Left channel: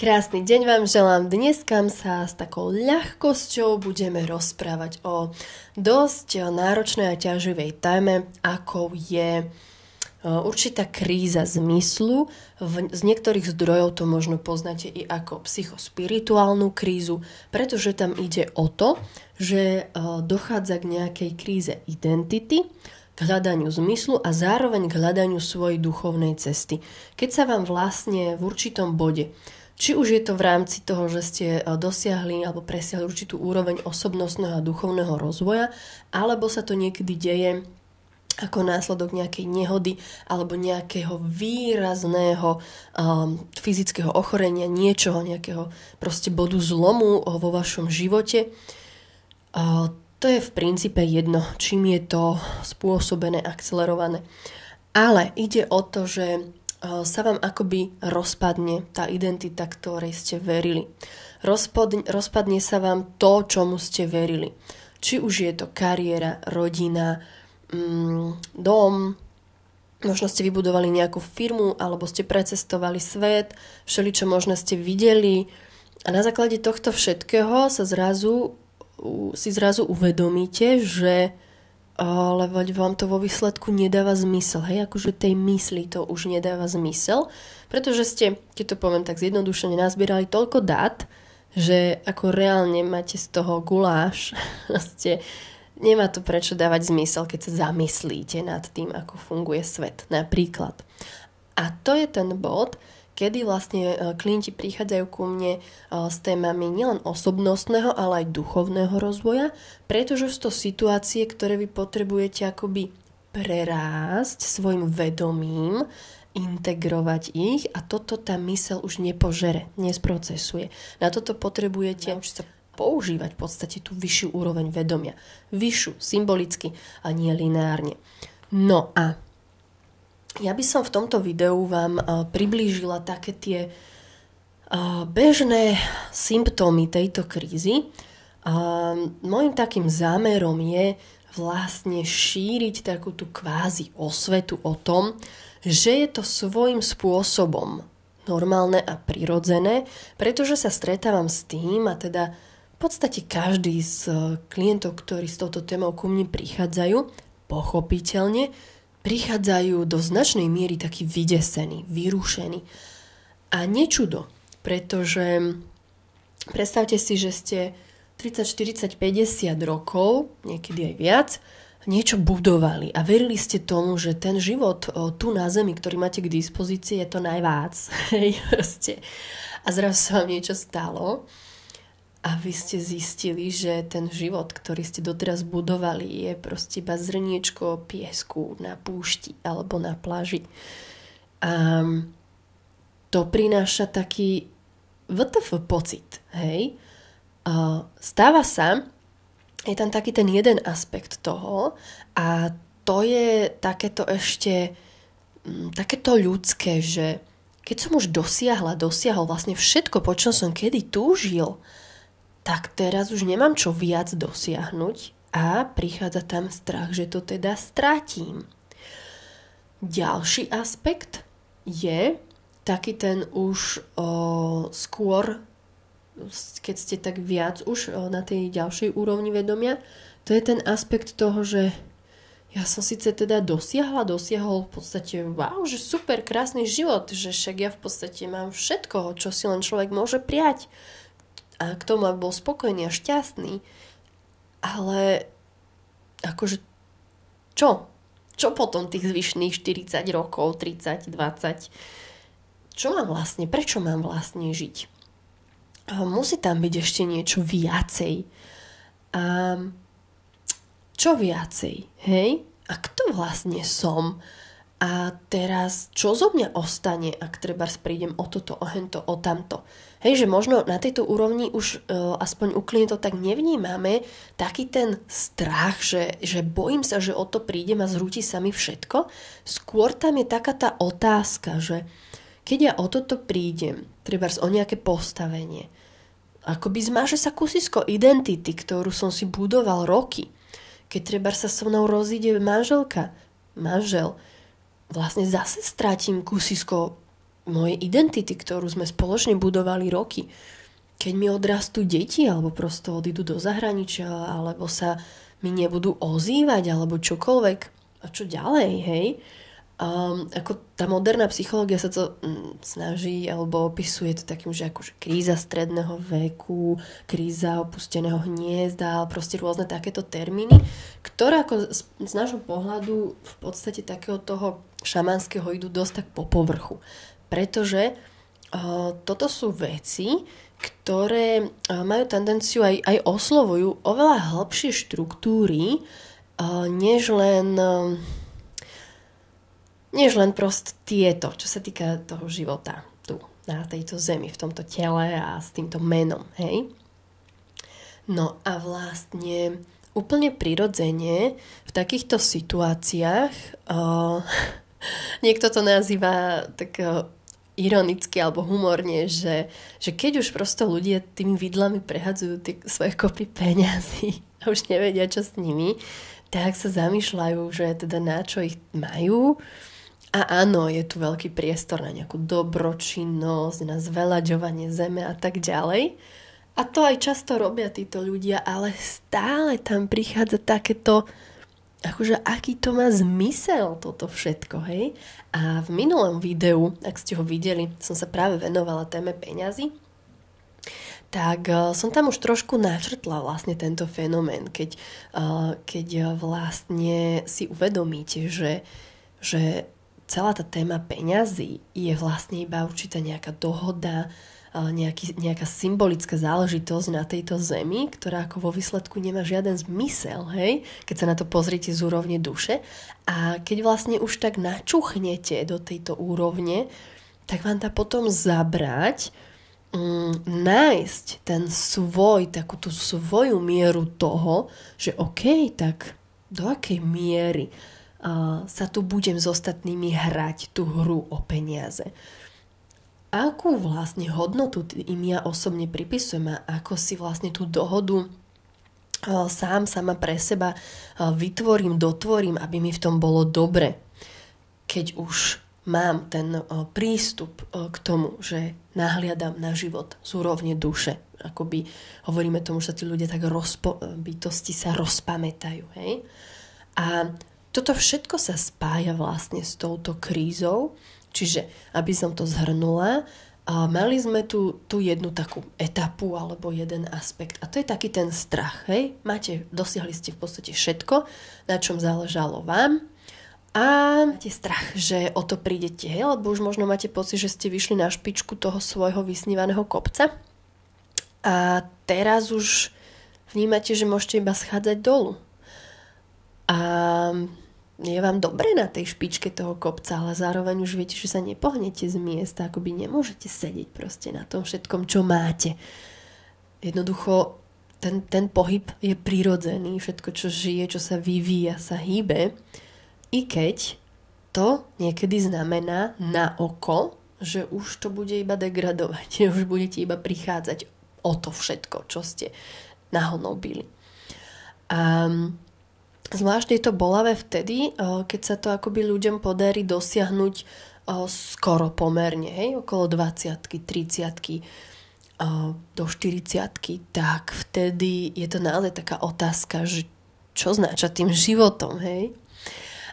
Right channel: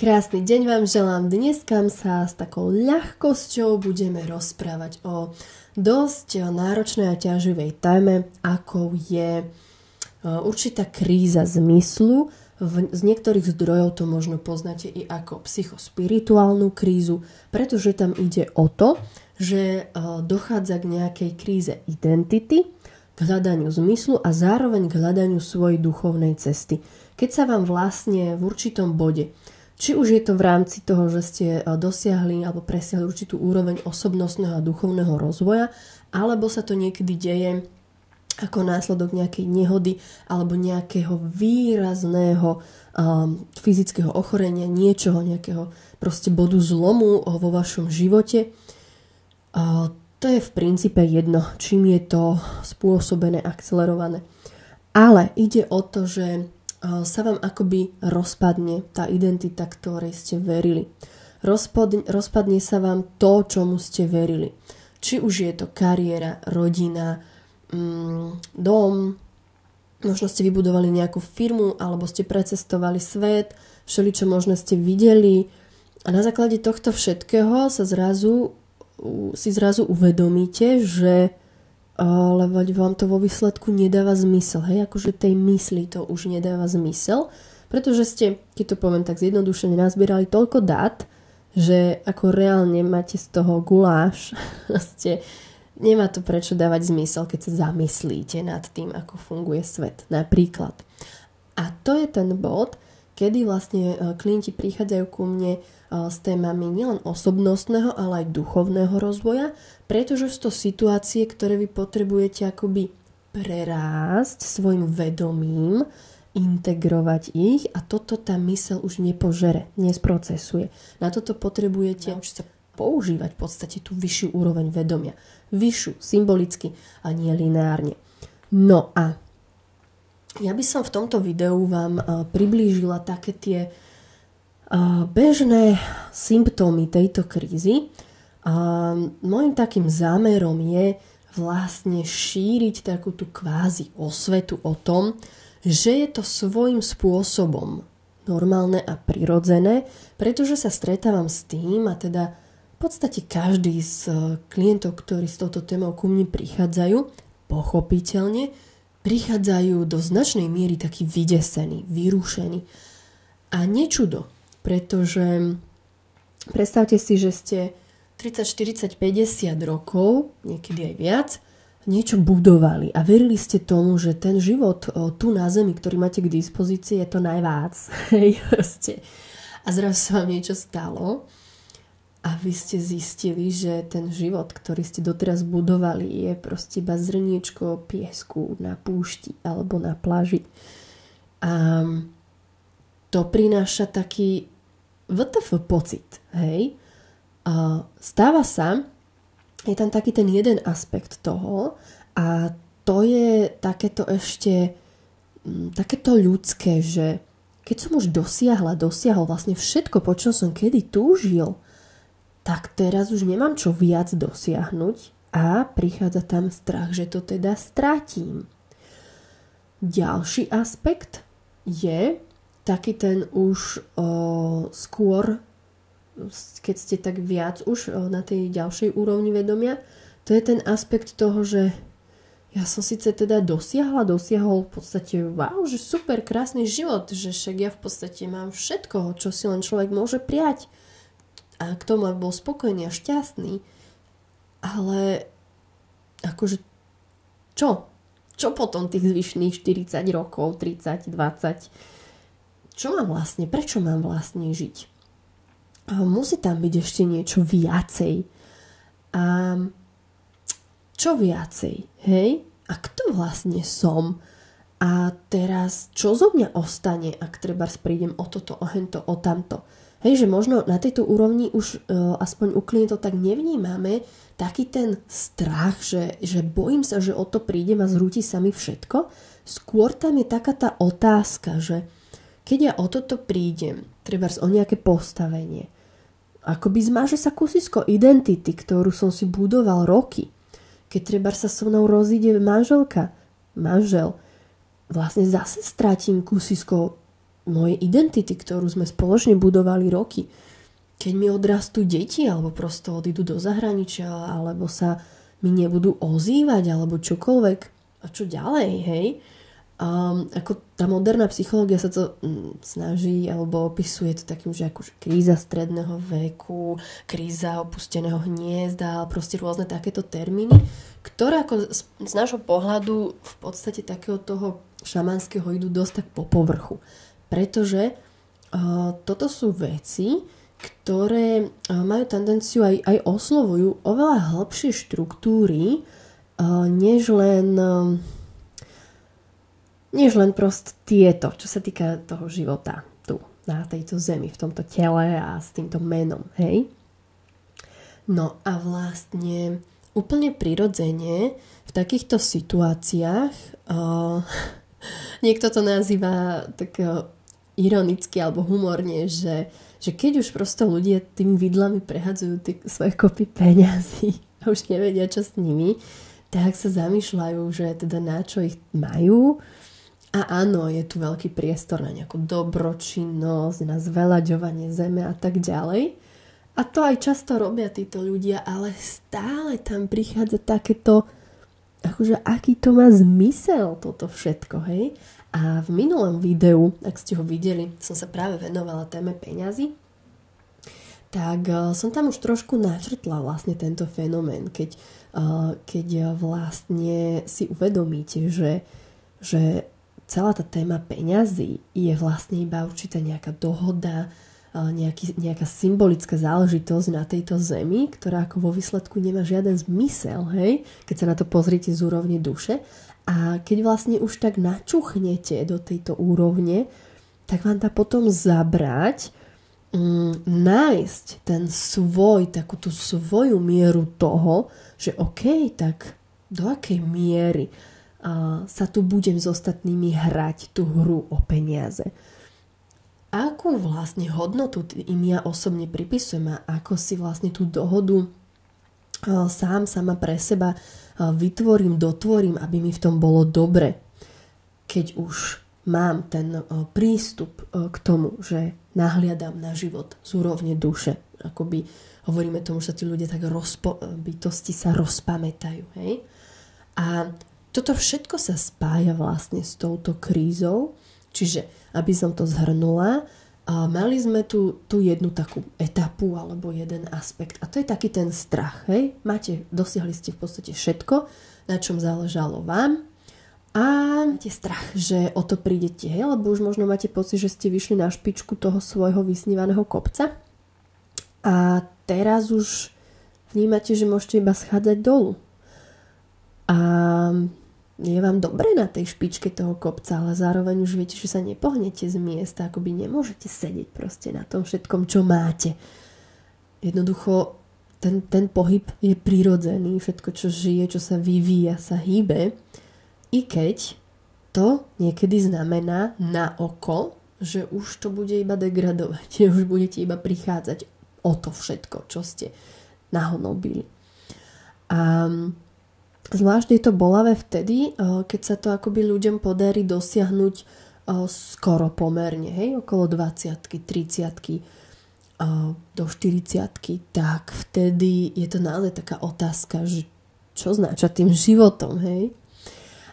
Krásny deň vám želám. Dneska sa s takou ľahkosťou budeme rozprávať o dosť náročnej a ťaživej téme, akou je určitá kríza zmyslu. Z niektorých zdrojov to možno poznáte i ako psychospirituálnu krízu, pretože tam ide o to, že dochádza k nejakej kríze identity, k hľadaniu zmyslu a zároveň k hľadaniu svojej duchovnej cesty. Keď sa vám vlastne v určitom bode, či už je to v rámci toho, že ste dosiahli alebo presiahli určitú úroveň osobnostného a duchovného rozvoja, alebo sa to niekedy deje ako následok nejakej nehody alebo nejakého výrazného fyzického ochorenia, niečoho, nejakého proste bodu zlomu vo vašom živote. To je v princípe jedno, čím je to spôsobené, akcelerované. Ale ide o to, že sa vám akoby rozpadne tá identita, ktorej ste verili. Rozpadne sa vám to, čomu ste verili. Či už je to kariéra, rodina, dom, možno ste vybudovali nejakú firmu, alebo ste precestovali svet, všeličo možno ste videli a na základe tohto všetkého si zrazu uvedomíte, že lebo vám to vo výsledku nedáva zmysel. Hej, akože tej mysli to už nedáva zmysel, pretože ste, keď to poviem tak zjednodušene, nazbierali toľko dát, že ako reálne máte z toho guláš. Nemá to prečo dávať zmysel, keď sa zamyslíte nad tým, ako funguje svet. Napríklad. A to je ten bod, kedy vlastne klienti prichádzajú ku mne s témami nielen osobnostného, ale aj duchovného rozvoja, pretože sú to situácie, ktoré vy potrebujete akoby prerásť svojim vedomím, integrovať ich a toto tá myseľ už nepožere, nesprocesuje. Na toto potrebujete naučiť sa používať v podstate tú vyššiu úroveň vedomia. Vyššiu, symbolicky a nie lineárne. No a ja by som v tomto videu vám priblížila také tie bežné symptómy tejto krízy. Mojím takým zámerom je vlastne šíriť takú tú kvázi osvetu o tom, že je to svojím spôsobom normálne a prirodzené, pretože sa stretávam s tým a teda v podstate každý z klientov, ktorí s touto témou ku mne prichádzajú, pochopiteľne prichádzajú do značnej miery takí vydesení, vyrušení. A nečudo, pretože predstavte si, že ste 30, 40, 50 rokov, niekedy aj viac, niečo budovali a verili ste tomu, že ten život tu na zemi, ktorý máte k dispozícii, je to najvác. A zrazu sa vám niečo stalo a vy ste zistili, že ten život, ktorý ste doteraz budovali, je proste iba zrniečko piesku na púšti alebo na pláži. A to prináša taký WTF pocit, hej? Stáva sa, je tam taký ten jeden aspekt toho a to je takéto ešte takéto ľudské, že keď som už dosiahol vlastne všetko, po čom som kedy túžil, tak teraz už nemám čo viac dosiahnuť a prichádza tam strach, že to teda stratím. Ďalší aspekt je taký ten už skôr, keď ste tak viac už na tej ďalšej úrovni vedomia, to je ten aspekt toho, že ja som síce teda dosiahol v podstate wow, že super, krásny život, že však ja v podstate mám všetko, čo si len človek môže prijať. A k tomu bol spokojný a šťastný. Ale akože čo? Čo potom tých zvyšných 40 rokov, 30, 20? Čo mám vlastne? Prečo mám vlastne žiť? Musí tam byť ešte niečo viacej. A čo viacej? Hej? A kto vlastne som? A teraz, čo zo mňa ostane, ak trebárs prídem o toto, o hento, o tamto? Hej, že možno na tejto úrovni už aspoň u klientov tak nevnímame taký ten strach, že bojím sa, že o to prídem a zrúti sa mi všetko. Skôr tam je taká tá otázka, že keď ja o toto prídem, trebárs o nejaké postavenie, akoby zmáže sa kusisko identity, ktorú som si budoval roky. Keď trebárs sa so mnou rozíde manžel, vlastne zase stratím kusisko mojej identity, ktorú sme spoločne budovali roky. Keď mi odrastú deti, alebo prosto odídu do zahraničia, alebo sa mi nebudú ozývať, alebo čokoľvek. A čo ďalej, hej? Ako tá moderná psychológia sa to snaží, alebo opisuje to takým, že akože kríza stredného veku, kríza opusteného hniezda, proste rôzne takéto termíny, ktoré ako z nášho pohľadu v podstate takého toho šamanského idú dosť tak po povrchu. Pretože toto sú veci, ktoré majú tendenciu aj oslovujú oveľa hĺbšie štruktúry, než len proste tieto, čo sa týka toho života tu, na tejto zemi, v tomto tele a s týmto menom, hej? No a vlastne úplne prirodzene v takýchto situáciách niekto to nazýva tak ironicky alebo humorne, že keď už prosto ľudia tými vidlami prehadzujú tie svoje kopy peňazí a už nevedia, čo s nimi, tak sa zamýšľajú, že teda na čo ich majú. A áno, je tu veľký priestor na nejakú dobročinnosť, na zveľaďovanie zeme a tak ďalej. A to aj často robia títo ľudia, ale stále tam prichádza takéto, akože aký to má zmysel toto všetko, hej? A v minulom videu, ak ste ho videli, som sa práve venovala téme peňazí, tak som tam už trošku načrtla vlastne tento fenomén, keď vlastne si uvedomíte, že celá tá téma peňazí je vlastne iba určitá nejaká dohoda, nejaká symbolická záležitosť na tejto zemi, ktorá ako vo výsledku nemá žiaden zmysel, hej? Keď sa na to pozriete z úrovne duše. A keď vlastne už tak načuchnete do tejto úrovne, tak vám dá potom zabrať nájsť ten takú tú svoju mieru toho, že OK, tak do akej miery sa tu budem s ostatnými hrať tú hru o peniaze. Akú vlastne hodnotu im ja osobne pripisujem a ako si vlastne tú dohodu sama pre seba dotvorím, aby mi v tom bolo dobre. Keď už mám ten prístup k tomu, že nahliadam na život z úrovne duše. Akoby hovoríme tomu, že sa tí ľudia tak bytosti sa rozpamätajú. Hej? A toto všetko sa spája vlastne s touto krízou. Čiže, aby som to zhrnula, mali sme tu jednu takú etapu alebo jeden aspekt. A to je taký ten strach. Hej? Dosiahli ste v podstate všetko, na čom záležalo vám. A máte strach, že o to prídete. Hej? Lebo už možno máte pocit, že ste vyšli na špičku toho svojho vysnívaného kopca. A teraz už vnímate, že môžete iba schádzať dolu. A je vám dobre na tej špičke toho kopca, ale zároveň už viete, že sa nepohnete z miesta, akoby nemôžete sedieť proste na tom všetkom, čo máte. Jednoducho ten pohyb je prirodzený, všetko, čo žije, čo sa vyvíja, sa hýbe, i keď to niekedy znamená na oko, že už to bude iba degradovať, že už budete iba prichádzať o to všetko, čo ste nahonobili. A zvlášť je to bolavé vtedy, keď sa to akoby ľuďom podarí dosiahnuť skoro pomerne, hej, okolo 20-ky, 30-ky, do 40-ky, tak vtedy je to naozaj taká otázka, že čo znača tým životom, hej.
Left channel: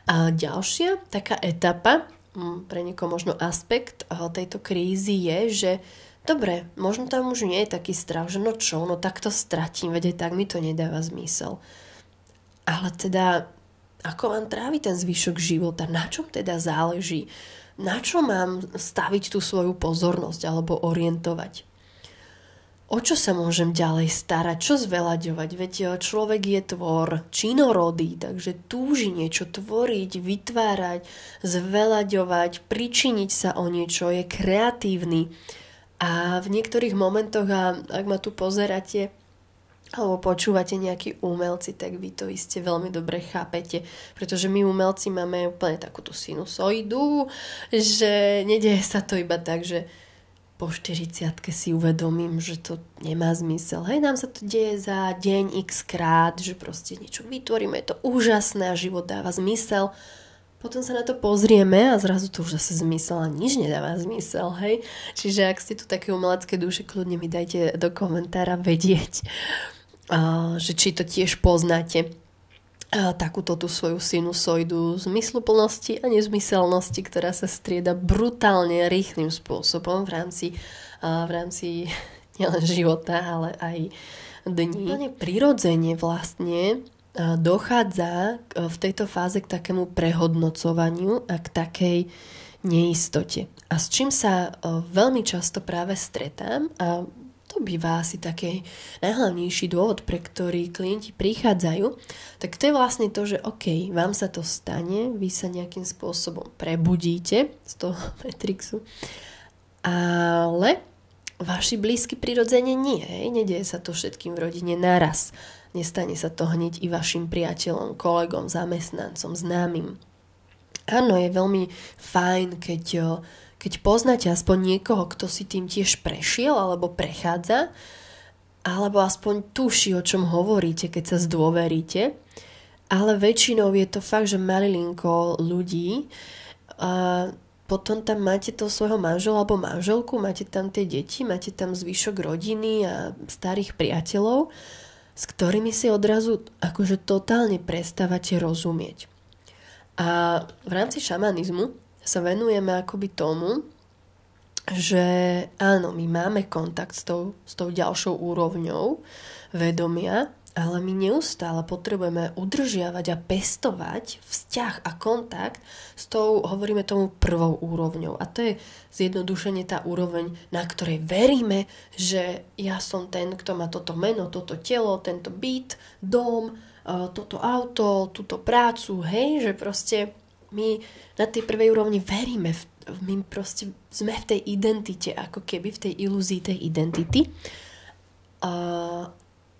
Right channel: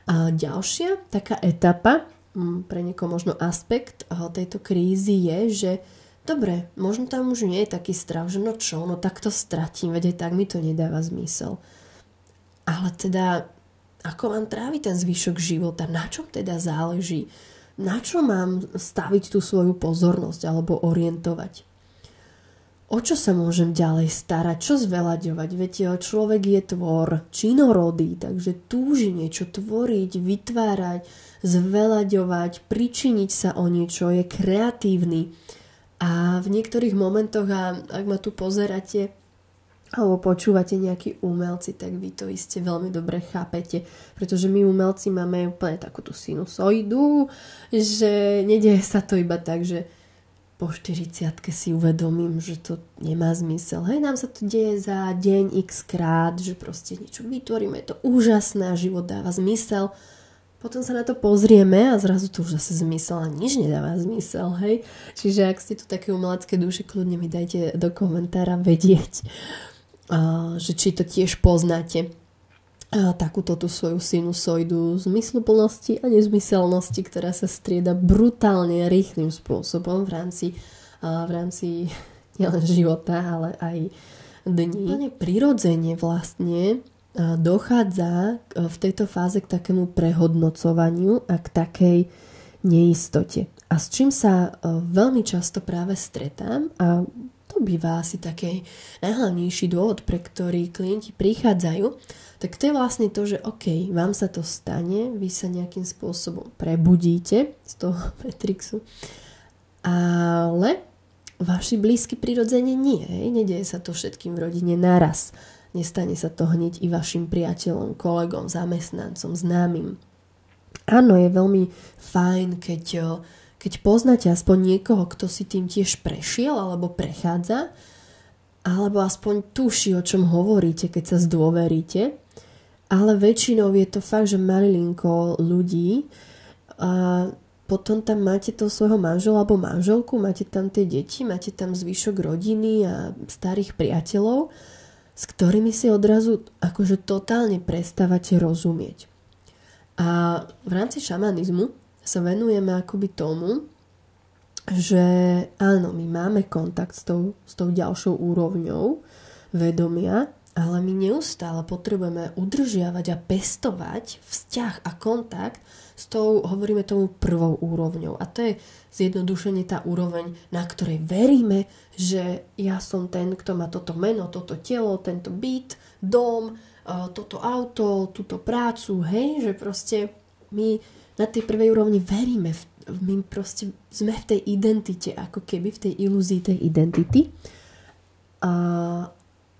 A ďalšia taká etapa, pre niekoho možno aspekt tejto krízy je, že dobre, možno tam už nie je taký strach, že no tak to stratím, veď aj tak mi to nedáva zmysel. Ale teda, ako mám tráviť ten zvyšok života? Na čom teda záleží? Na čo mám staviť tú svoju pozornosť alebo orientovať? O čo sa môžem ďalej starať? Čo zveľaďovať? Veď človek je tvor činorodý, takže túži niečo tvoriť, vytvárať, zveľaďovať, pričiniť sa o niečo, je kreatívny. A v niektorých momentoch, ak ma tu pozeráte, alebo počúvate nejakí umelci, tak vy to iste veľmi dobre chápete, pretože my umelci máme úplne takú tú sinusoidu, že nedieje sa to iba tak, že po 40-ke si uvedomím, že to nemá zmysel. Hej, nám sa to deje za deň x krát, že proste niečo vytvoríme, je to úžasné a život dáva zmysel, Potom sa na to pozrieme a zrazu to už zase zmysel a nič nedáva zmysel, hej. Čiže ak ste tu také umelecké duše, kľudne mi dajte do komentára vedieť, že či to tiež poznáte, takúto tú svoju sinusoidu zmysluplnosti a nezmyselnosti, ktorá sa strieda brutálne rýchlým spôsobom v rámci nielen života, ale aj dní. Prirodzene vlastne dochádza v tejto fáze k takému prehodnocovaniu a k takej neistote. A s čím sa veľmi často práve stretám, a to býva asi taký najhlavnejší dôvod, pre ktorý klienti prichádzajú, tak to je vlastne to, že OK, vám sa to stane, vy sa nejakým spôsobom prebudíte z toho Matrixu, ale vaši blízky prirodzene nie. Nedieje sa to všetkým v rodine naraz. Nestane sa to hneď i vašim priateľom, kolegom, zamestnancom, známym. Áno, je veľmi fajn, keď poznáte aspoň niekoho, kto si tým tiež prešiel alebo prechádza, alebo aspoň tuší, o čom hovoríte, keď sa zdôveríte. Ale väčšinou je to fakt, že malilinko ľudí. A potom tam máte toho svojho manžela alebo manželku, máte tam tie deti, máte tam zvyšok rodiny a starých priateľov, s ktorými si odrazu akože totálne prestávate rozumieť. A v rámci šamanizmu sa venujeme akoby tomu, že áno, my máme kontakt s tou ďalšou úrovňou vedomia, ale my neustále potrebujeme udržiavať a pestovať vzťah a kontakt s tou, hovoríme tomu, prvou úrovňou. A to je zjednodušene tá úroveň, na ktorej veríme, že ja som ten, kto má toto meno, toto telo, tento byt, dom, toto auto, túto prácu, hej, že proste my na tej prvej úrovni veríme, my proste sme v tej identite, ako keby v tej ilúzii tej identity.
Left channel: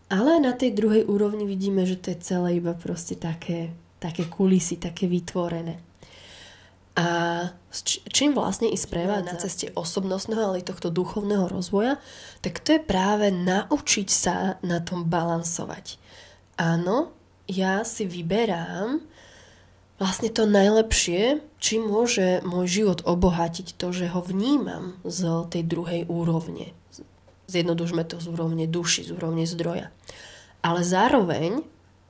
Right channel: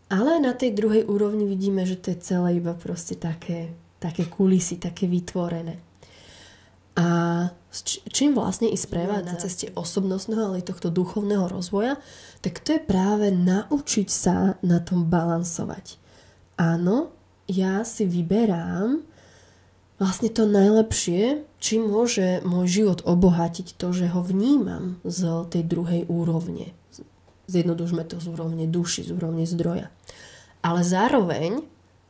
Ale na tej druhej úrovni vidíme, že to je celé iba proste také kulisy, také vytvorené. A čím vlastne i sprevádza na ceste osobnostného, ale aj tohto duchovného rozvoja, tak to je práve naučiť sa na tom balansovať. Áno, ja si vyberám vlastne to najlepšie, čím môže môj život obohatiť to, že ho vnímam z tej druhej úrovne. Zjednodušme to z úrovne duši, z úrovne zdroja. Ale zároveň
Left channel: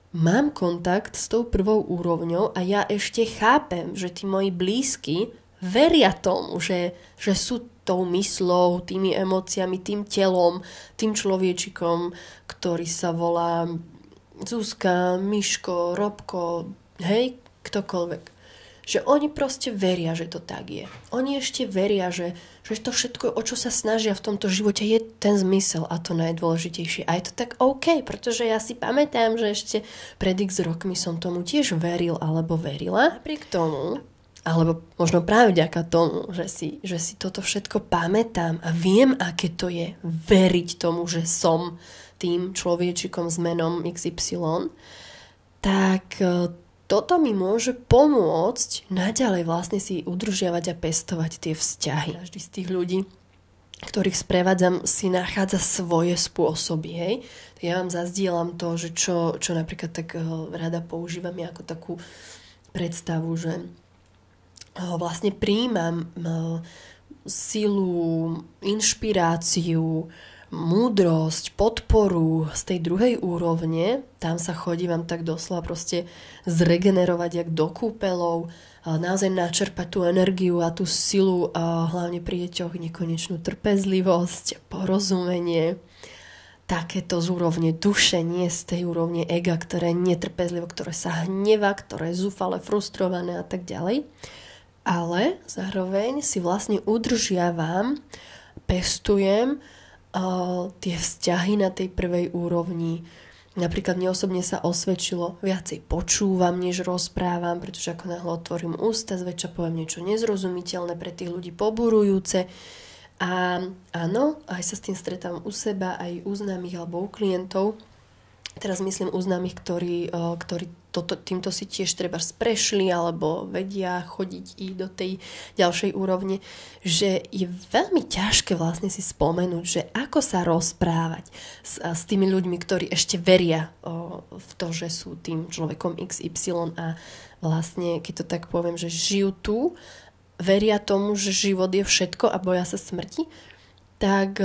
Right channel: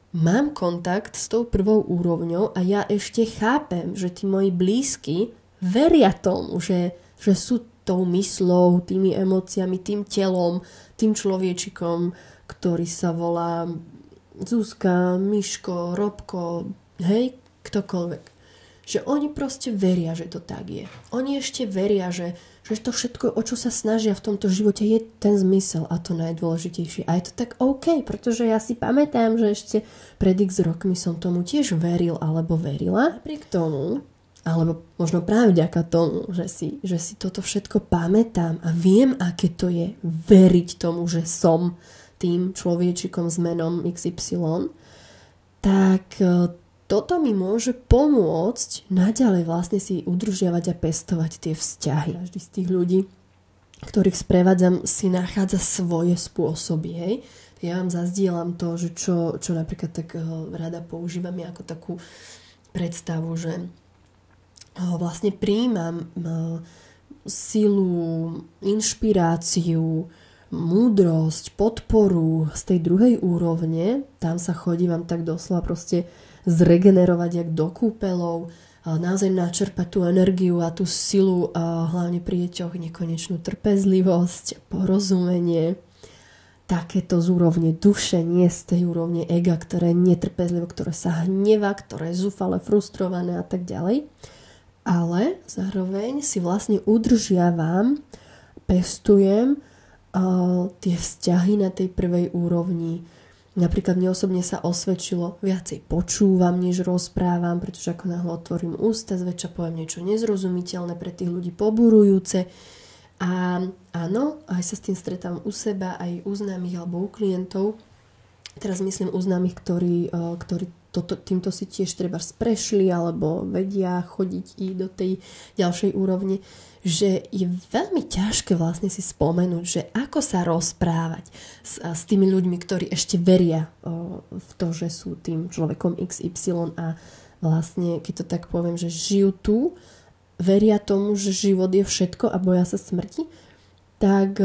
mám kontakt s tou prvou úrovňou a ja ešte chápem, že tí moji blízky veria tomu, že sú tou myslou, tými emóciami, tým telom, tým človečikom, ktorý sa volá Zuzka, Miško, Robko, hej, ktokoľvek. Že oni proste veria, že to tak je. Oni ešte veria, že to všetko, o čo sa snažia v tomto živote, je ten zmysel a to najdôležitejšie. A je to tak OK, pretože ja si pamätám, že ešte pred x rokmi som tomu tiež veril alebo verila. Napriek tomu, alebo možno práve vďaka tomu, že si toto všetko pamätám a viem, aké to je veriť tomu, že som tým človečikom s menom XY, tak toto mi môže pomôcť naďalej vlastne si udržiavať a pestovať tie vzťahy. Každý z tých ľudí, ktorých sprevádzam, si nachádza svoje spôsoby. Hej? Ja vám zazdielam to, že čo napríklad tak rada používam ja ako takú predstavu, že vlastne prijímam silu, inšpiráciu, múdrosť, podporu z tej druhej úrovne. Tam sa chodím tak doslova proste zregenerovať jak do kúpeľov, naozaj načerpať tú energiu a tú silu, a hlavne pri deťoch nekonečnú trpezlivosť, porozumenie, takéto z úrovne duše, nie z tej úrovne ega, ktoré je netrpezlivé, ktoré sa hneva, ktoré je zúfale, frustrované a tak ďalej. Ale zároveň si vlastne udržiavam, pestujem tie vzťahy na tej prvej úrovni. Napríklad mne osobne sa osvedčilo, viacej počúvam, než rozprávam, pretože ako náhle otvorím ústa, zväčša poviem niečo nezrozumiteľné, pre tých ľudí poburujúce. A áno, aj sa s tým stretám u seba, aj u známych alebo u klientov. Teraz myslím u známych, ktorí týmto si tiež treba prešli alebo vedia chodiť i do tej ďalšej úrovne, že je veľmi ťažké vlastne si spomenúť, že ako sa rozprávať s tými ľuďmi, ktorí ešte veria v to, že sú tým človekom XY a vlastne, keď to tak poviem, že žijú tu, veria tomu, že život je všetko a boja sa smrti, tak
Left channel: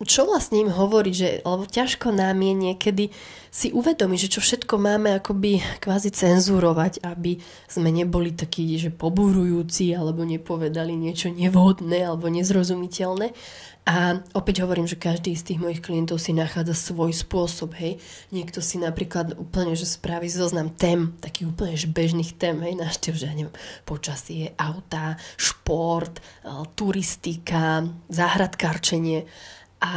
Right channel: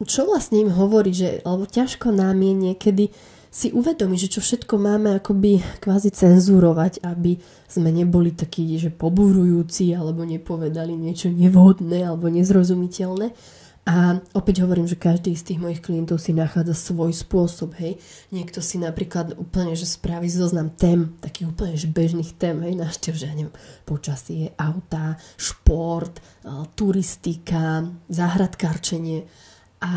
čo vlastne im hovorí, lebo ťažko nám je niekedy si uvedomiť, že čo všetko máme akoby kvázi cenzurovať, aby sme neboli takí, že poburujúci alebo nepovedali niečo nevhodné alebo nezrozumiteľné. A opäť hovorím, že každý z tých mojich klientov si nachádza svoj spôsob, hej. Niekto si napríklad úplne, že spraví zoznam tém, takých úplne že bežných tém, hej, návštev, že ja neviem, počasie, auta, šport, turistika, záhradkárčenie. A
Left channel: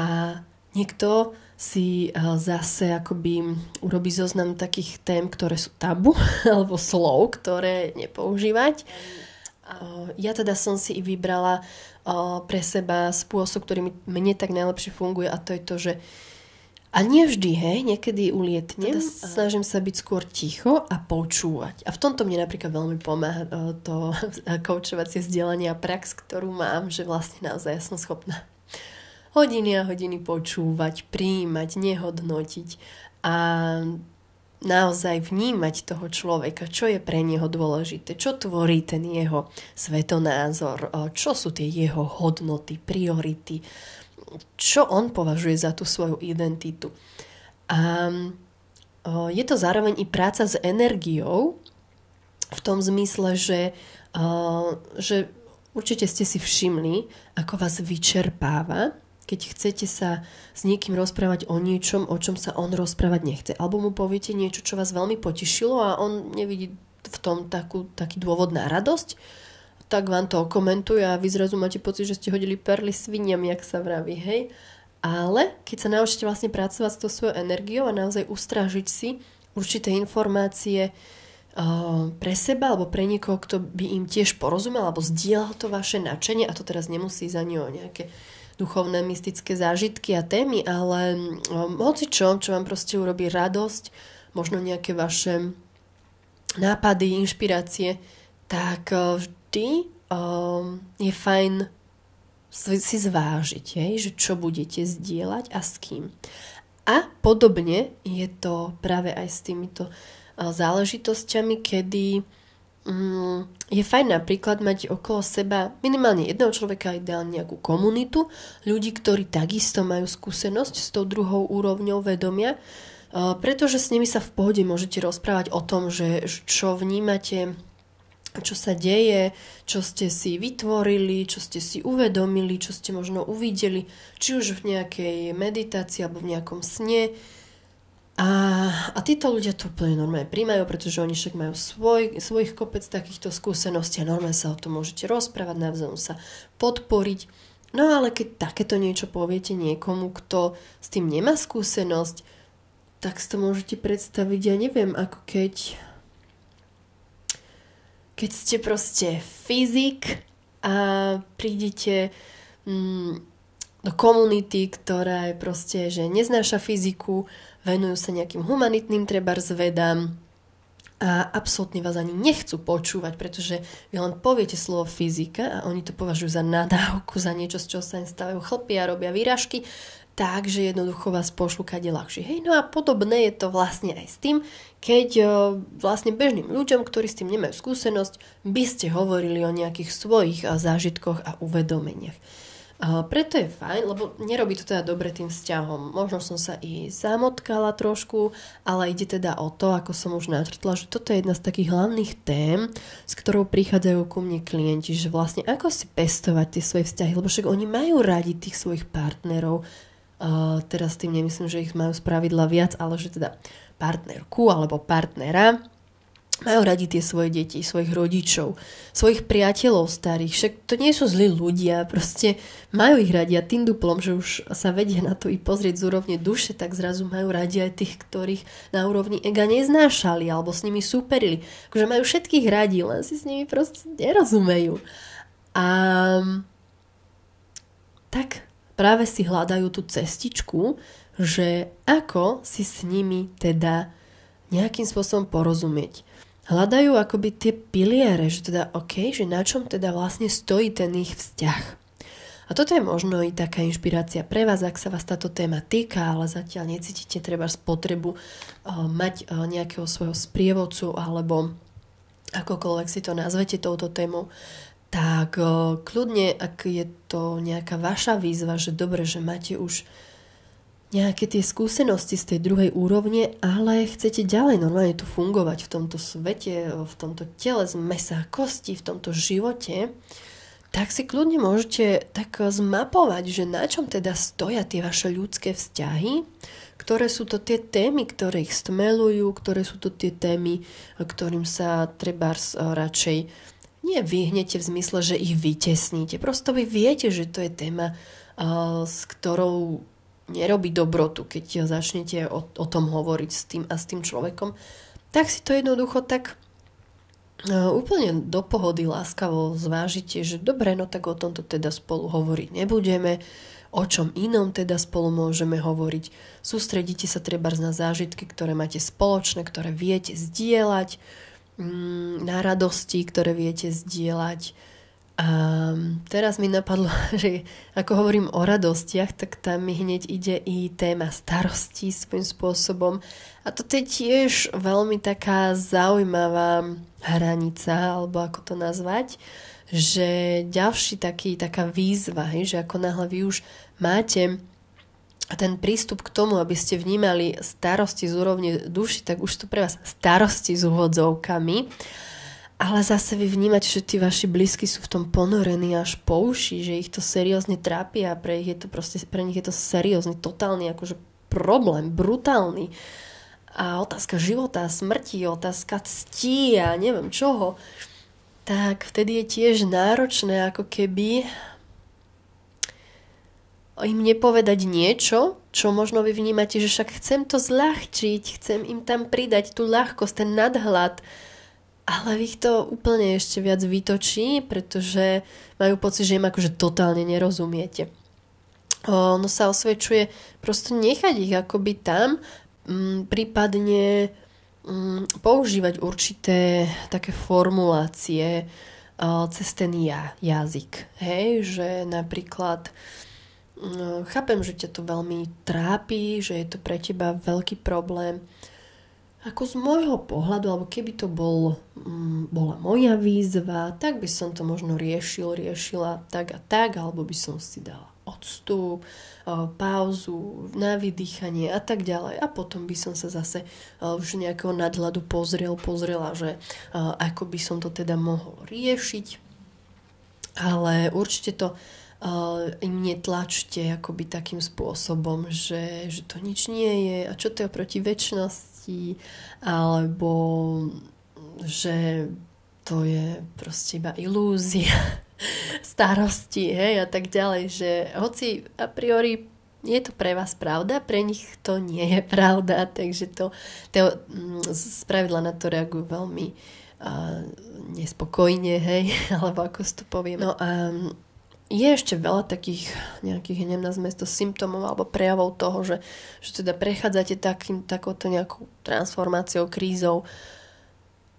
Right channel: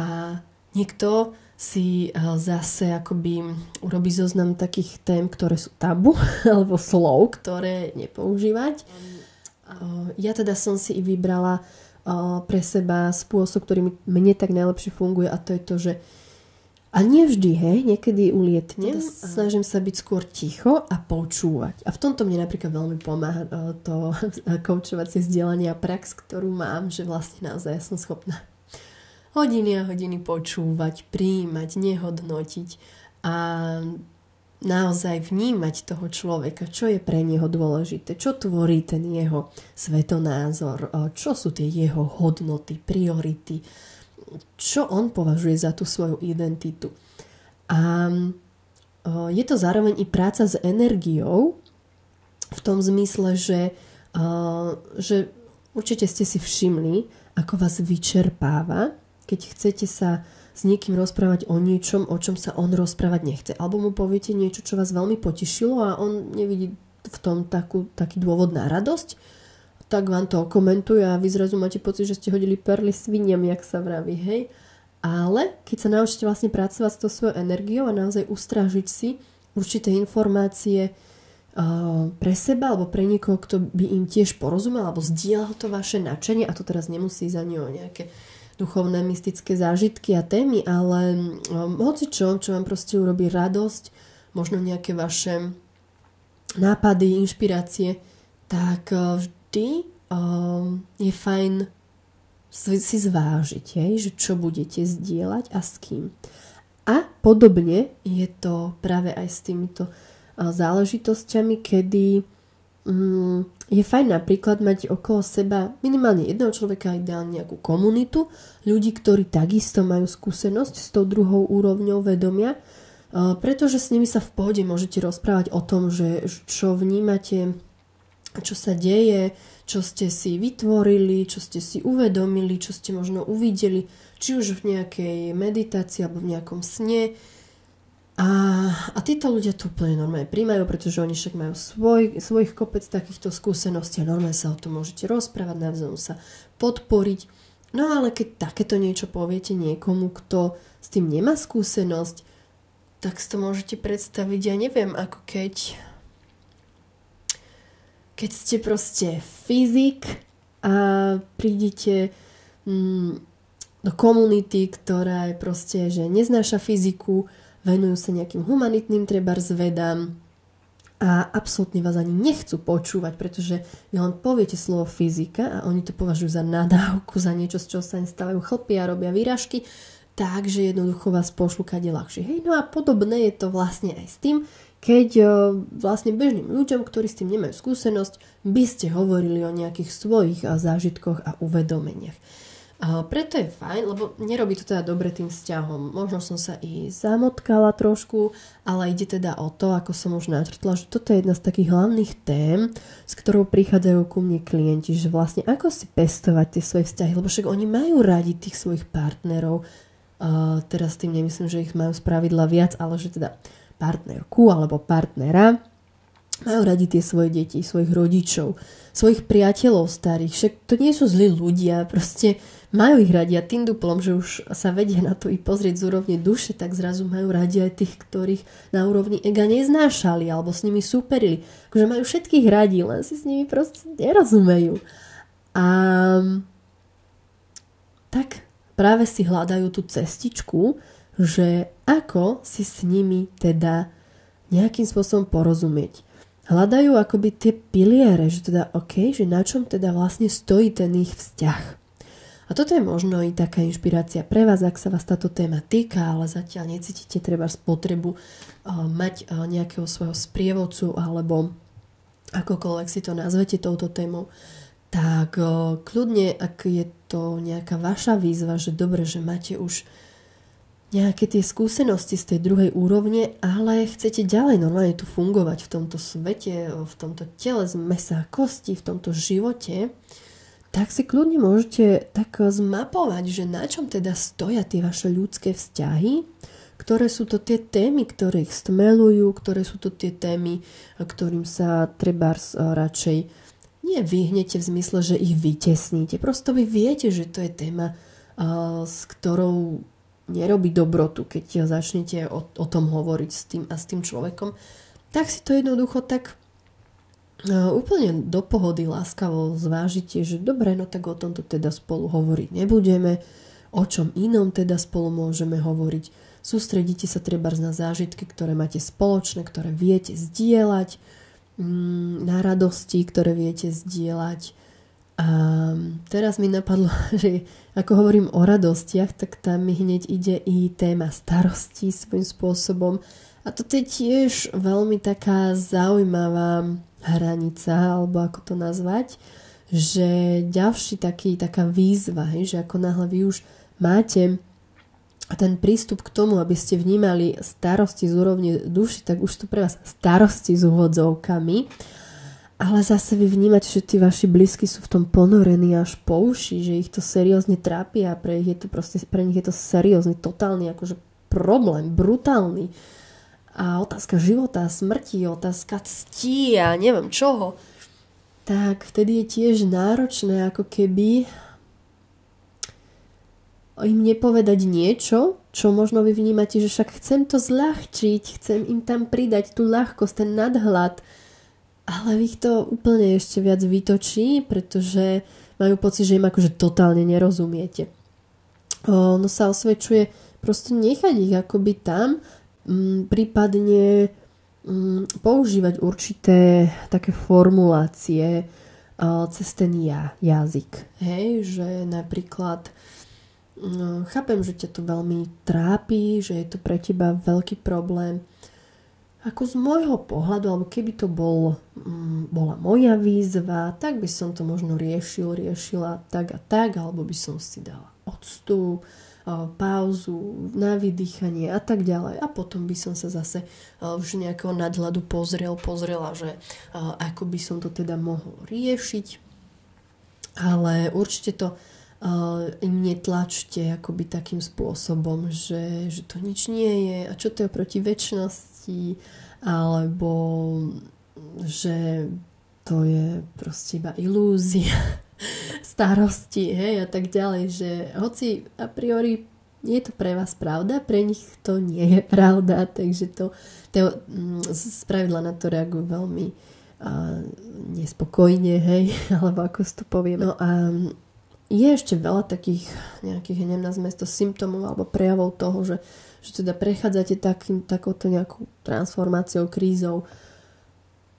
niekto si zase akoby urobí zoznam takých tém, ktoré sú tabu, alebo slov, ktoré nepoužívať. Ja teda som si i vybrala pre seba spôsob, ktorý mne tak najlepšie funguje, a to je to, že a nie vždy, hej, niekedy ulietnem, snažím sa byť skôr ticho a počúvať. A v tomto mne napríklad veľmi pomáha to koučovacie vzdelanie a prax, ktorú mám, že vlastne naozaj ja som schopná hodiny a hodiny počúvať, prijímať, nehodnotiť a naozaj vnímať toho človeka, čo je pre neho dôležité, čo tvorí ten jeho svetonázor, čo sú tie jeho hodnoty, priority, čo on považuje za tú svoju identitu. A je to zároveň i práca s energiou v tom zmysle, že určite ste si všimli, ako vás vyčerpáva, keď chcete sa s niekým rozprávať o niečom, o čom sa on rozprávať nechce. Alebo mu poviete niečo, čo vás veľmi potešilo a on nevidí v tom taký dôvod na radosť, tak vám to komentuje a vy zrazu máte pocit, že ste hodili perly sviniam, jak sa vraví, hej. Ale keď sa naučíte vlastne pracovať s tou svojou energiou a naozaj ustrážiť si určité informácie pre seba alebo pre niekoho, kto by im tiež porozumel alebo zdieľal to vaše nadšenie, a to teraz nemusí za ňo nejaké duchovné, mystické zážitky a témy, ale hocičo, čo vám proste urobí radosť, možno nejaké vaše nápady, inšpirácie, tak vždy je fajn si zvážiť, že čo budete zdieľať a s kým. A podobne je to práve aj s týmito záležitosťami, kedy je fajn napríklad mať okolo seba minimálne jedného človeka, ideálne nejakú komunitu, ľudí, ktorí takisto majú skúsenosť s tou druhou úrovňou vedomia, pretože s nimi sa v pohode môžete rozprávať o tom, že čo vnímate, čo sa deje, čo ste si vytvorili, čo ste si uvedomili, čo ste možno uvideli, či už v nejakej meditácii alebo v nejakom sne. A títo ľudia to úplne normálne príjmajú, pretože oni však majú svojich kopec takýchto skúseností a normálne sa o tom môžete rozprávať, navzájom sa podporiť. No ale keď takéto niečo poviete niekomu, kto s tým nemá skúsenosť, tak si to môžete predstaviť, ja neviem, ako keď ste proste fyzik a prídete do komunity, ktorá je proste, že neznáša fyziku, venujú sa nejakým humanitným trebárs vedám a absolútne vás ani nechcú počúvať, pretože vy len poviete slovo fyzika a oni to považujú za nadávku, za niečo, z čoho sa im stávajú chlpy a robia výražky, takže jednoducho vás pošlú kade ľahšie. Hej, no a podobné je to vlastne aj s tým, keď vlastne bežným ľuďom, ktorí s tým nemajú skúsenosť, by ste hovorili o nejakých svojich zážitkoch a uvedomeniach. Preto je fajn, lebo nerobí to teda dobre tým vzťahom. Možno som sa i zamotkala trošku, ale ide teda o to, ako som už načrtla, že toto je jedna z takých hlavných tém, s ktorou prichádzajú ku mne klienti, že vlastne ako si pestovať tie svoje vzťahy, lebo však oni majú radi tých svojich partnerov. Teraz tým nemyslím, že ich majú spravidla viac, ale že teda partnerku alebo partnera. Majú radi tie svoje deti, svojich rodičov, svojich priateľov starých. Však to nie sú zlí ľudia, proste majú ich radi a tým duplom, že už sa vedia na to i pozrieť z úrovne duše, tak zrazu majú radi aj tých, ktorých na úrovni ega neznášali alebo s nimi súperili. Takže majú všetkých radi, len si s nimi proste nerozumejú. A tak práve si hľadajú tú cestičku, že ako si s nimi teda nejakým spôsobom porozumieť. Hľadajú akoby tie piliere, že teda OK, že na čom teda vlastne stojí ten ich vzťah. A A toto je možno i taká inšpirácia pre vás, ak sa vás táto téma týka, ale zatiaľ necítite treba potrebu mať nejakého svojho sprievodcu alebo akokoľvek si to nazvete touto témou, tak kľudne, ak je to nejaká vaša výzva, že dobre, že máte už nejaké tie skúsenosti z tej druhej úrovne, ale chcete ďalej normálne tu fungovať v tomto svete, v tomto tele z mäsa a kosti, v tomto živote, tak si kľudne môžete tak zmapovať, že na čom teda stoja tie vaše ľudské vzťahy, ktoré sú to tie témy, ktoré ich stmelujú, ktoré sú to tie témy, ktorým sa trebárs radšej nevyhnete v zmysle, že ich vytesníte. Prosto vy viete, že to je téma, s ktorou nerobí dobrotu, keď začnete o tom hovoriť s tým človekom. Tak si to jednoducho tak úplne do pohody láskavo zvážite, že dobre, no tak o tomto teda spolu hovoriť nebudeme, o čom inom teda spolu môžeme hovoriť. Sústredíte sa trebárs na zážitky, ktoré máte spoločné, ktoré viete zdieľať, na radosti, ktoré viete zdieľať. A teraz mi napadlo, že ako hovorím o radostiach, tak tam mi hneď ide i téma starostí svojím spôsobom. A toto je tiež veľmi taká zaujímavá hranica, alebo ako to nazvať, že ďalší taká výzva, že ako náhle vy už máte ten prístup k tomu, aby ste vnímali starosti z úrovne duši, tak už to pre vás starosti s úvodzovkami, ale zase vy vnímate, že tí vaši blízky sú v tom ponorení až po uši, že ich to seriózne trápi a pre nich je to seriózny, totálny akože problém, brutálny. A otázka života, smrti, otázka cti a neviem čoho, tak vtedy je tiež náročné ako keby im nepovedať niečo, čo možno vy vnímate, že však chcem to zľahčiť, chcem im tam pridať tú ľahkosť, ten nadhľad, ale vy ich to úplne ešte viac vytočí, pretože majú pocit, že im akože totálne nerozumiete. Ono sa osvedčuje prosto nechať ich akoby tam, prípadne používať určité také formulácie cez ten jazyk. Hej, že napríklad chápem, že ťa to veľmi trápi, že je to pre teba veľký problém. Ako z môjho pohľadu, alebo keby to bola moja výzva, tak by som to možno riešila tak a tak, alebo by som si dala odstup, pauzu, na vydýchanie a tak ďalej. A potom by som sa zase už nejakého nadhľadu pozrela, že ako by som to teda mohol riešiť. Ale určite to im netlačte akoby takým spôsobom, že to nič nie je a čo to je oproti večnosti, alebo že to je proste iba ilúzia starosti, hej, a tak ďalej, že hoci a priori je to pre vás pravda, pre nich to nie je pravda, takže to spravidla na to reagujú veľmi nespokojne, hej, alebo ako si to poviem. No a je ešte veľa takých nejakých, nazvime to symptómov alebo prejavov toho, že teda prechádzate takouto nejakou transformáciou, krízou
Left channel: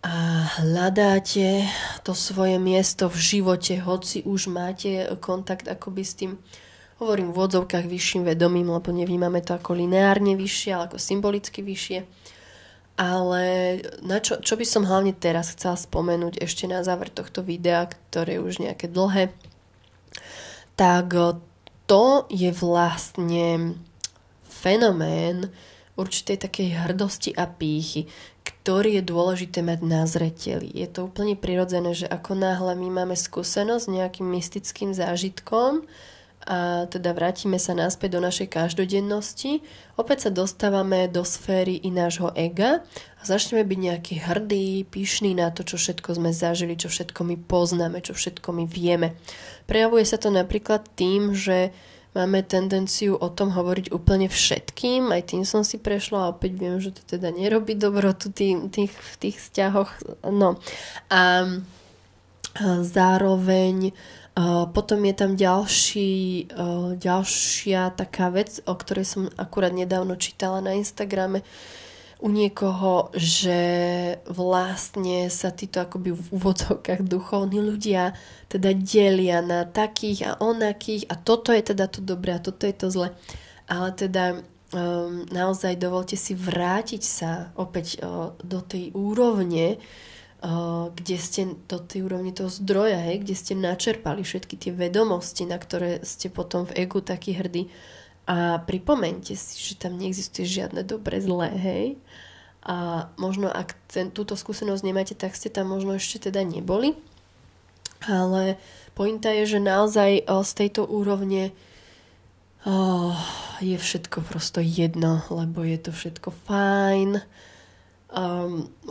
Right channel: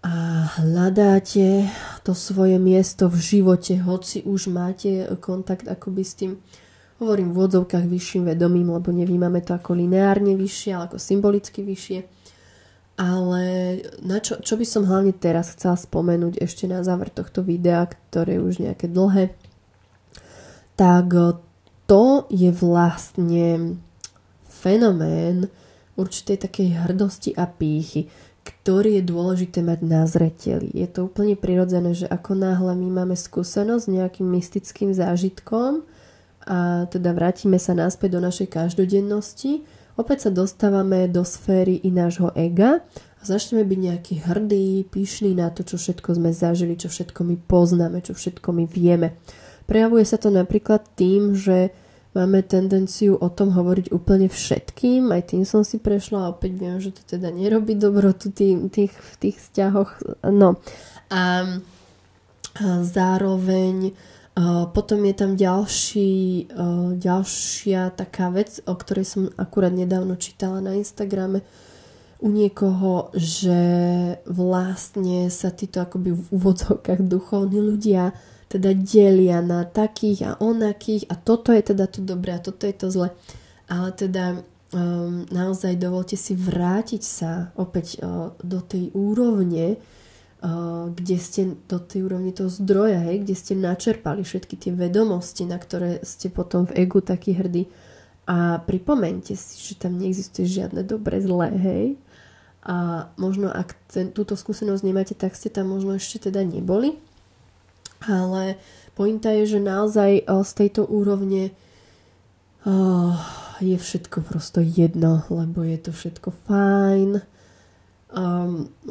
a hľadáte to svoje miesto v živote, hoci už máte kontakt akoby s tým, hovorím v odzovkách vyšším vedomím, lebo nevnímame to ako lineárne vyššie, ale ako symbolicky vyššie. Ale na čo by som hlavne teraz chcela spomenúť ešte na záver tohto videa, ktoré je už nejaké dlhé, tak to je vlastne fenomén určitej takej hrdosti a pýchy, ktorý je dôležité mať na zreteli. Je to úplne prirodzené, že ako náhle my máme skúsenosť s nejakým mystickým zážitkom a teda vrátime sa naspäť do našej každodennosti, opäť sa dostávame do sféry i nášho ega a začneme byť nejaký hrdý, pyšný na to, čo všetko sme zažili, čo všetko my poznáme, čo všetko my vieme. Prejavuje sa to napríklad tým, že máme tendenciu o tom hovoriť úplne všetkým, aj tým som si prešla a opäť viem, že to teda nerobí dobrotu v tých vzťahoch. No. A zároveň potom je tam ďalšia taká vec, o ktorej som akurát nedávno čítala na Instagrame. u niekoho, že vlastne sa títo akoby v úvodzovkách duchovní ľudia teda delia na takých a onakých a toto je teda to dobré a toto je to zle. Ale teda naozaj dovolte si vrátiť sa opäť do tej úrovne, kde ste do tej úrovne toho zdroja, kde ste načerpali všetky tie vedomosti, na ktoré ste potom v egu takí hrdí. A pripomeňte si, že tam neexistuje žiadne dobre zlé, hej. A možno ak túto skúsenosť nemáte, tak ste tam možno ešte teda neboli. Ale pointa je, že naozaj z tejto úrovne je všetko prosto jedno, lebo je to všetko fajn.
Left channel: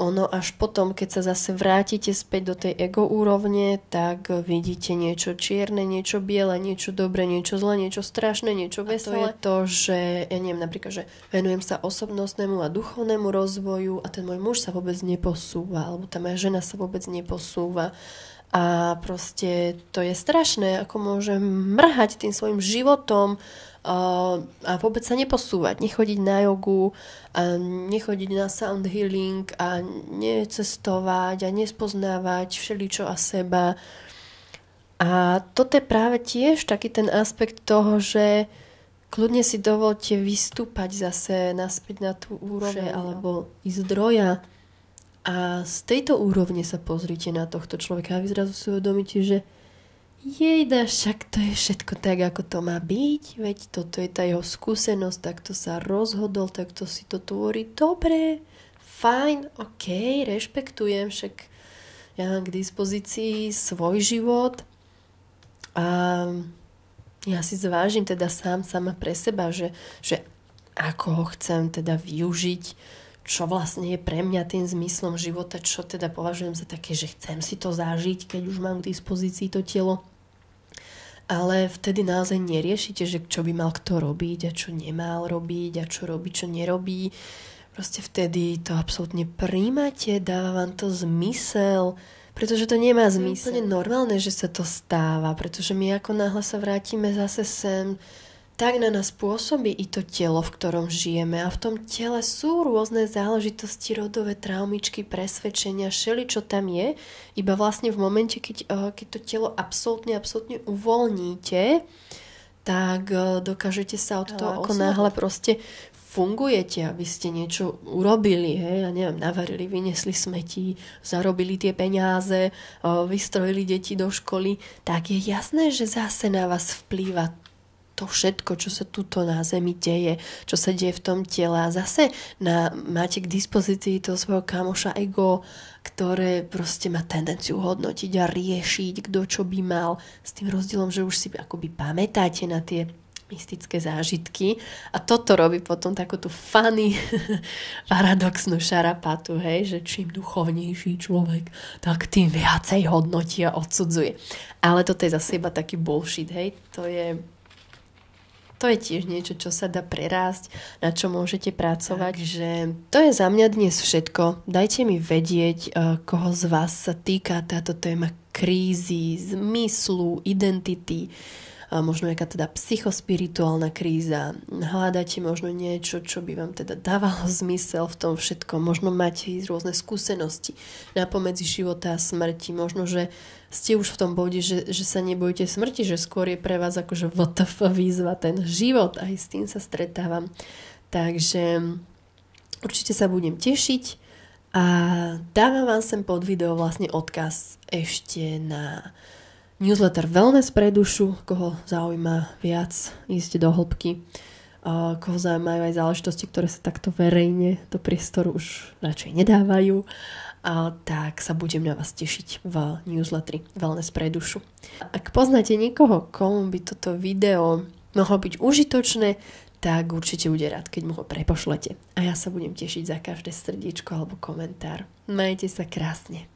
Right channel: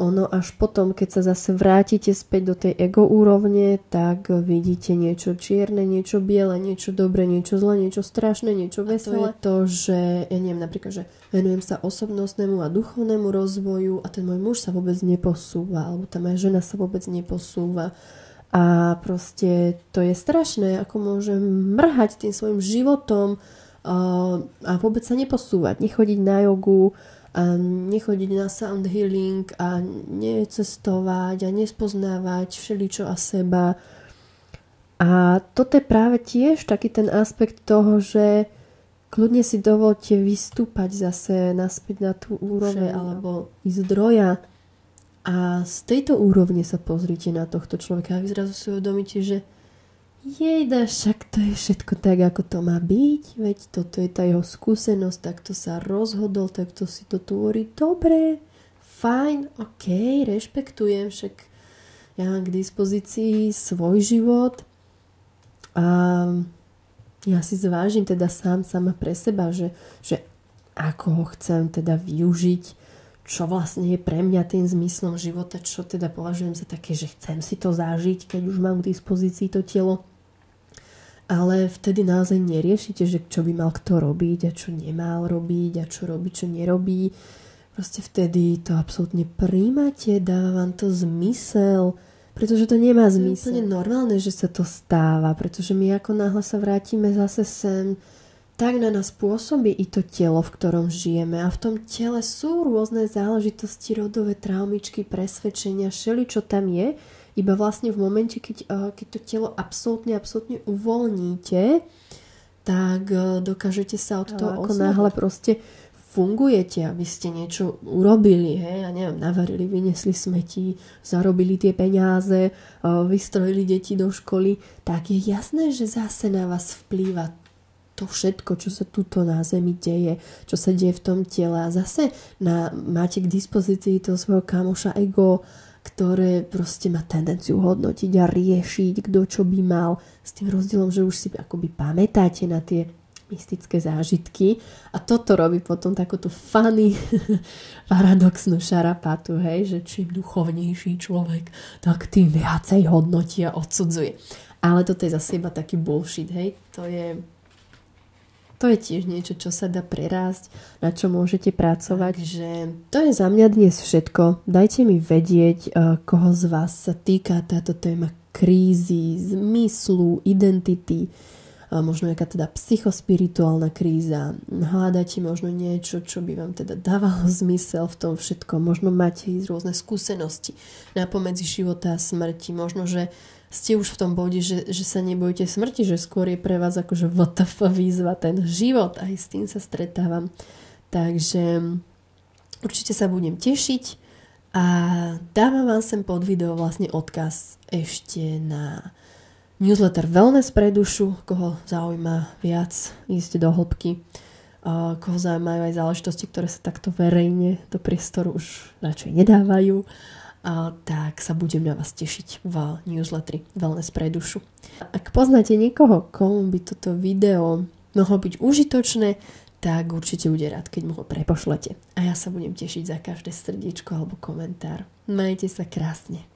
Ono až potom, keď sa zase vrátite späť do tej ego úrovne, tak vidíte niečo čierne, niečo biele, niečo dobré, niečo zlé, niečo strašné, niečo veselé. A to je to, že ja neviem, napríklad, že venujem sa osobnostnému a duchovnému rozvoju a ten môj muž sa vôbec neposúva, alebo tá moja žena sa vôbec neposúva. A proste to je strašné, ako môžem mrhať tým svojim životom a vôbec sa neposúvať, nechodiť na jogu a nechodiť na sound healing a necestovať a nespoznávať všeličo a seba. A toto je práve tiež taký ten aspekt toho, že kľudne si dovolte vystúpať zase naspäť na tú úroveň alebo ísť zdroja. A z tejto úrovne sa pozrite na tohto človeka a vy zrazu si uvedomíte, že jejda, však to je všetko tak, ako to má byť, veď toto je tá jeho skúsenosť, takto sa rozhodol, takto si to tvorí, dobre, fajn, ok, rešpektujem, však ja mám k dispozícii svoj život a ja si zvážim teda sama pre seba, že ako ho chcem teda využiť, čo vlastne je pre mňa tým zmyslom života, čo teda považujem za také, že chcem si to zažiť, keď už mám k dispozícii to telo. Ale vtedy naozaj neriešite, že čo by mal kto robiť a čo nemal robiť a čo robí, čo nerobí. Proste vtedy to absolútne príjmate, dáva vám to zmysel, pretože to nemá zmysel. Je úplne normálne, že sa to stáva, pretože my ako náhle sa vrátime zase sem, tak na nás pôsobí i to telo, v ktorom žijeme a v tom tele sú rôzne záležitosti, rodové traumičky, presvedčenia, všeličo tam je, iba vlastne v momente, keď to telo absolútne uvoľníte, tak dokážete sa od toho ako náhle proste fungujete, aby ste niečo urobili, hej, ja neviem, navarili, vyniesli smeti, zarobili tie peniaze, vystrojili deti do školy, tak je jasné, že zase na vás vplýva to všetko, čo sa tuto na zemi deje, čo sa deje v tom tele a zase máte k dispozícii toho svojho kamoša ego, ktoré proste má tendenciu hodnotiť a riešiť, kto čo by mal, s tým rozdielom, že už si akoby pamätáte na tie mystické zážitky a toto robí potom takúto funny paradoxnú šarapatu, hej, že čím duchovnejší človek, tak tým viacej hodnotí a odsudzuje. Ale toto je zase iba taký bullshit, hej, to je tiež niečo, čo sa dá prerásť, na čo môžete pracovať. Takže to je za mňa dnes všetko. Dajte mi vedieť, koho z vás sa týka táto téma krízy, zmyslu, identity, možno jaká teda psychospirituálna kríza. Hľadáte možno niečo, čo by vám teda dávalo zmysel v tom všetkom. Možno máte rôzne skúsenosti napomedzi života a smrti. Možno, že ste už v tom bode, že sa nebojíte smrti, že skôr je pre vás akože WTF výzva ten život. Aj s tým sa stretávam. Takže určite sa budem tešiť a dávam vám sem pod video vlastne odkaz ešte na newsletter Wellness pre dušu, koho zaujíma viac ísť do hĺbky, koho zaujímajú aj záležitosti, ktoré sa takto verejne do priestoru už radšej nedávajú, tak sa budem na vás tešiť v newsletteri Wellness pre dušu. Ak poznáte niekoho, komu by toto video mohlo byť užitočné, tak určite bude rád, keď mu ho prepošlete. A ja sa budem tešiť za každé srdiečko alebo komentár. Majte sa krásne.